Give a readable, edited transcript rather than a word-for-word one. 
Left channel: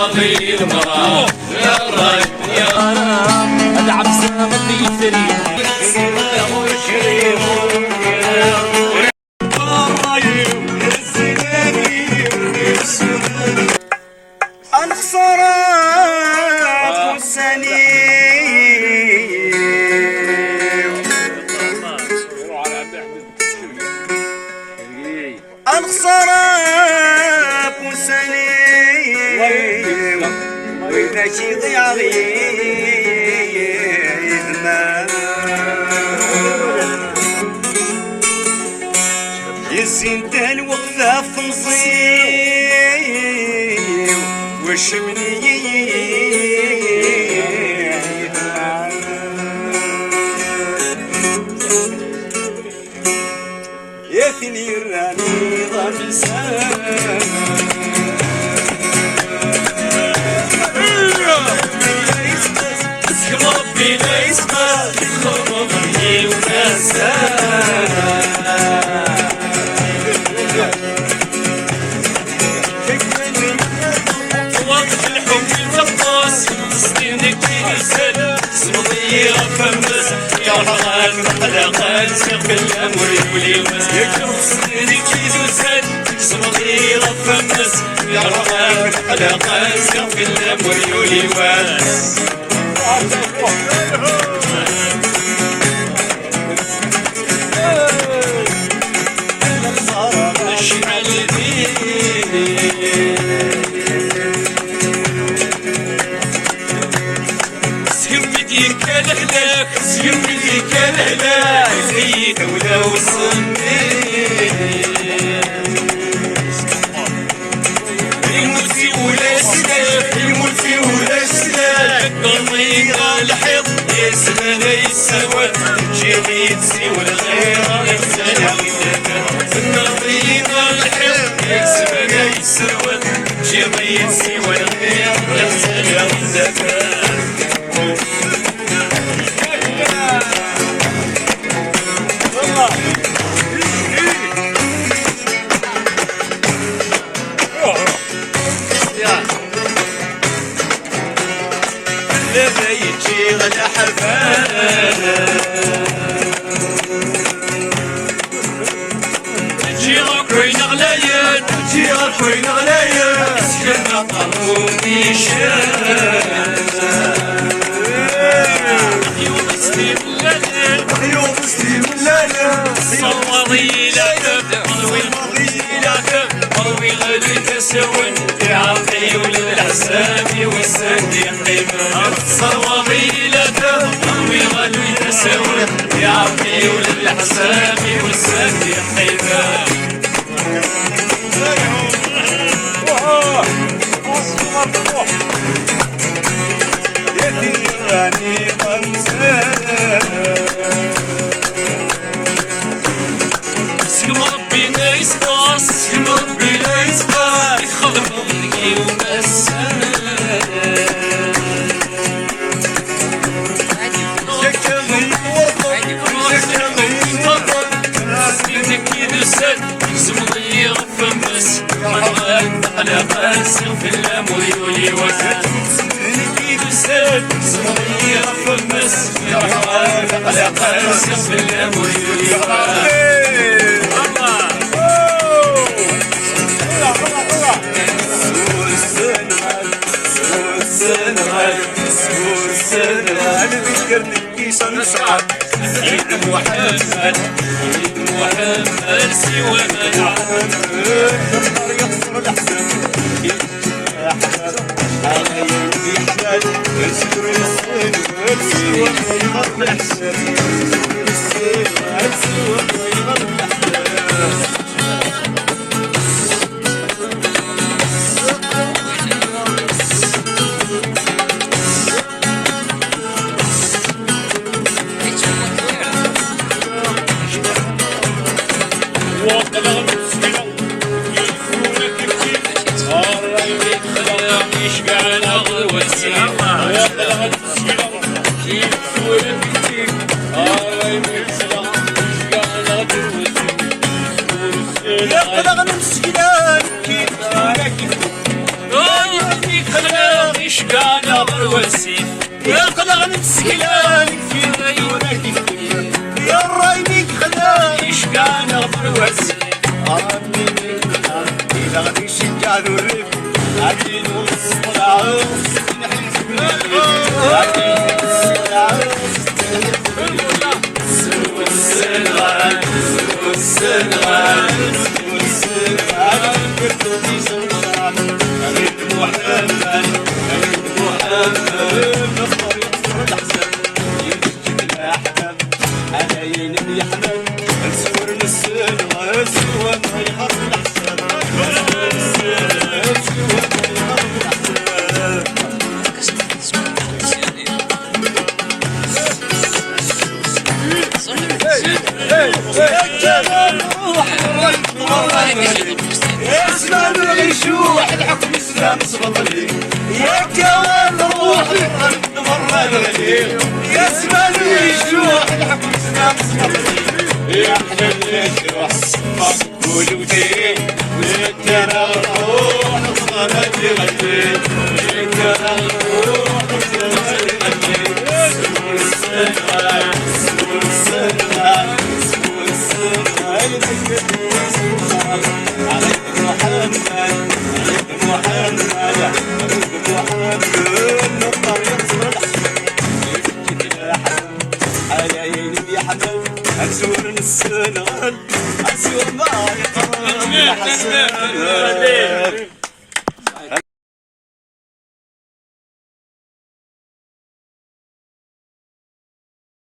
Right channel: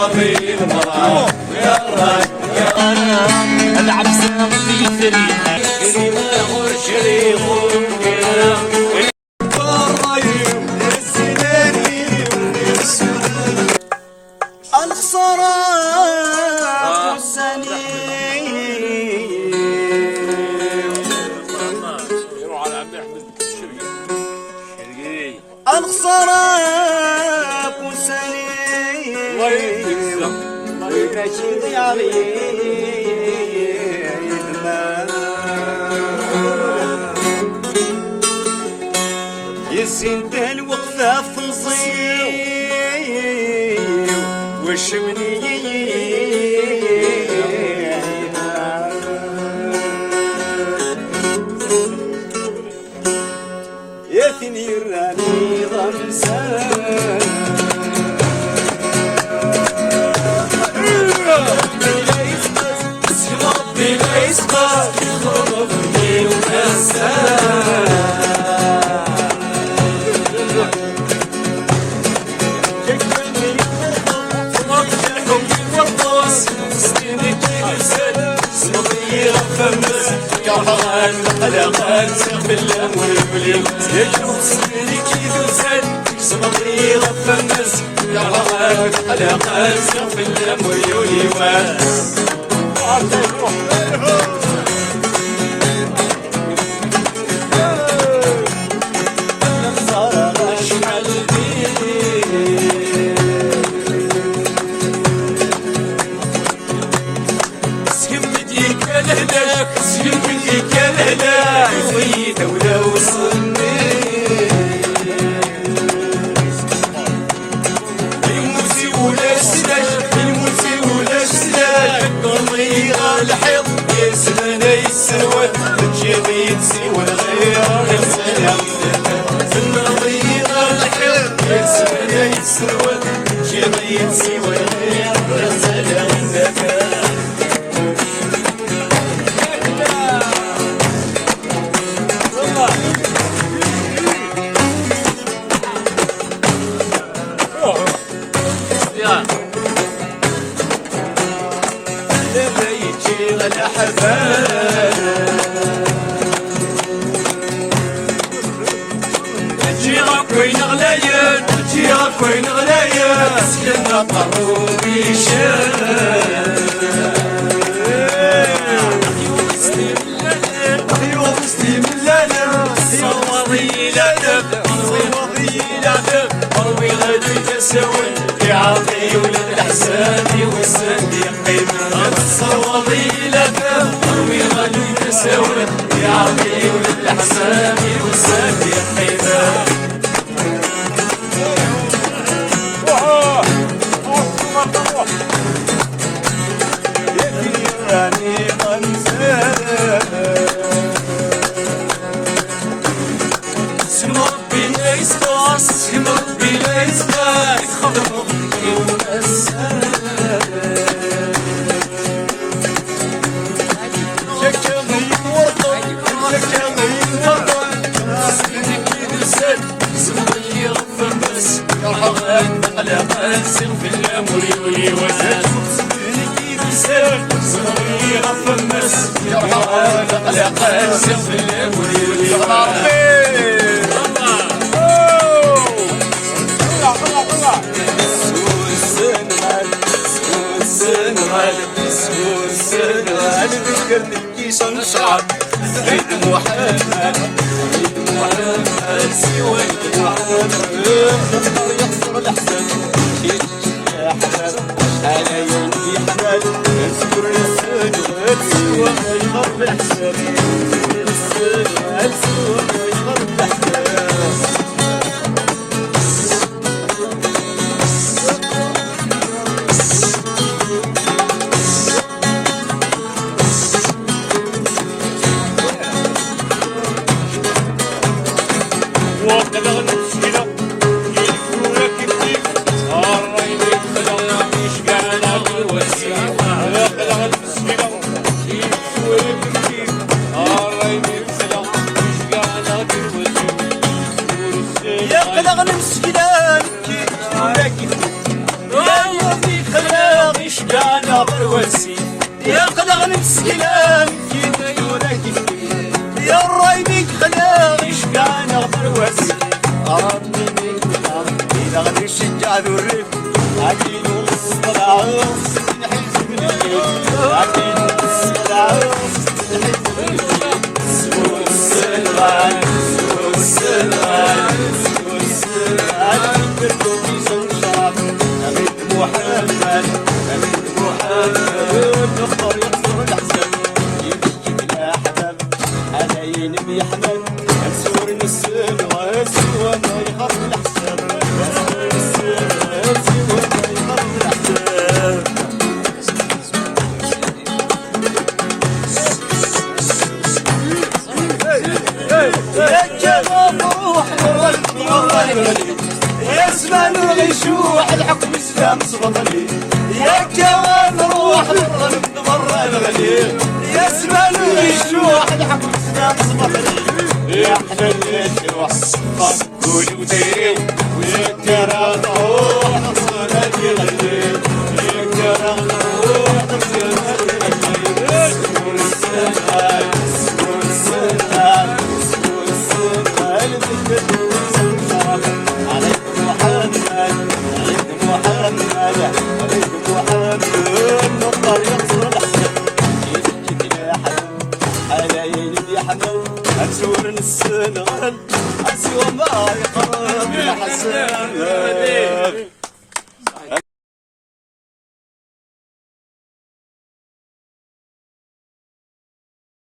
صافي المرأة يا راي يا رام العبسة في الدنيا الخسارة سليم وإذا شي ضيع غير ما يسنتان وقفة في نصيب والشمني يا ثني الراني ضمسان ربي لا يسمع ربي ومسان وقت الحب الفطاس تصديني كيسان صمدي غفمس يا حرام حلقات سيف الأمر واليوس تصديني كيسان صمدي غفمس يا حرام حلقات سيف الأمر واليوس سيمتي كالهلاك زي دولة وصلني يموتي ولا سلاك يموتي ولا سلاك قلبي قال حب يسمى يتسوى جيني تسوى الغير يسمى قلبي قال حب يسمى يتسوى جيني تسوى الغير يسمى لبيتي غدا حفانا جي غاكوين غلايات جي غاكوين غلايات سكنا طارومي شان عيون سليم الليل عيون سليم الليل صواري لكب صواري لكب قوي غادي تساون يعطي وللحساب والسندي قيمة صواري لكب قوي غادي تساون يعطي وللحساب والسندي قيمة يعني اسم ربي لا يسقاس اسم ربي لا يسقاس يخضر ربي ومسان شكا من ورطة شكا من ورطة سنينك يدسد زمضي غفمس على قاسم في الأمر يولي وزاد صمري غفمس يا رب على قاسم في الأمر يا ربي سور السنغال ذكرني كيشان شعر عيد محمد سوى ما يعرف نختار يخسر الأحزان يا حمام على يدي حمال نسور السنغال سوى ما يغرب الأحزان السنغال سوى ما يغرب الأحزان يا قلق نمسكنا إيش كان غروسي يا قدر مسكلان في غيرك يا الرايمك خلا إيش كان غروسي أرمي منها إذا غادي الشجاع والريف عدين وسط العروس نحس بالليل عدين وسط العروس نحس بالليل سوى السلغان سوى السلغان سوى السلغان كرتي سلطان أريد محمد أريد محمد نختار ينصر الأحسن يمشي الأحباب حنين بيحمد نسور السلغان سوى ما يخاف الأحسن نسور السلغان سوى ما يخاف الأحسن يا جمال روح يسمع الغشوح الحكم اسلام صبري يا جمال روح مرة الغليل يسمع الغشوح الحكم اسلام صبري يا احلى الجروح مقبول ودين ويترى الروح نصغر بغليل ويترى الروح نصغر بغليل سور السلطان سور السلطان سور السلطان عليك محمد عليك محمد عليك محمد نقدر ينصر الحسن يجي الحسن حلاين بيحمل أنسور السلغان أسوى ما يقرب الحسن